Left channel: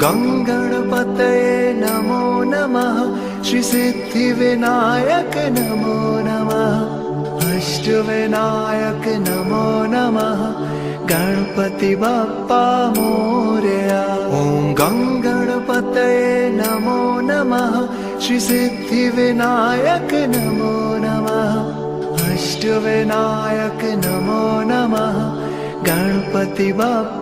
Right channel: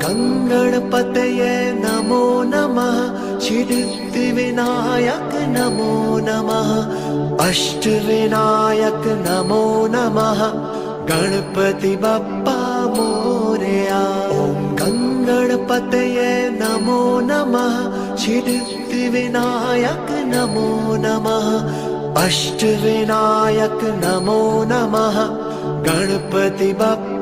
गं गणपतये नमो नमः। श्री सिद्धिविनायक नमो नमः। अष्टविनायक नमो नमः। गणपति बप्पा मोरया। ॐ गं गणपतये नमो नमः। श्री सिद्धिविनायक नमो नमः। अष्टविनायक नमो नमः। गणपति बप्पा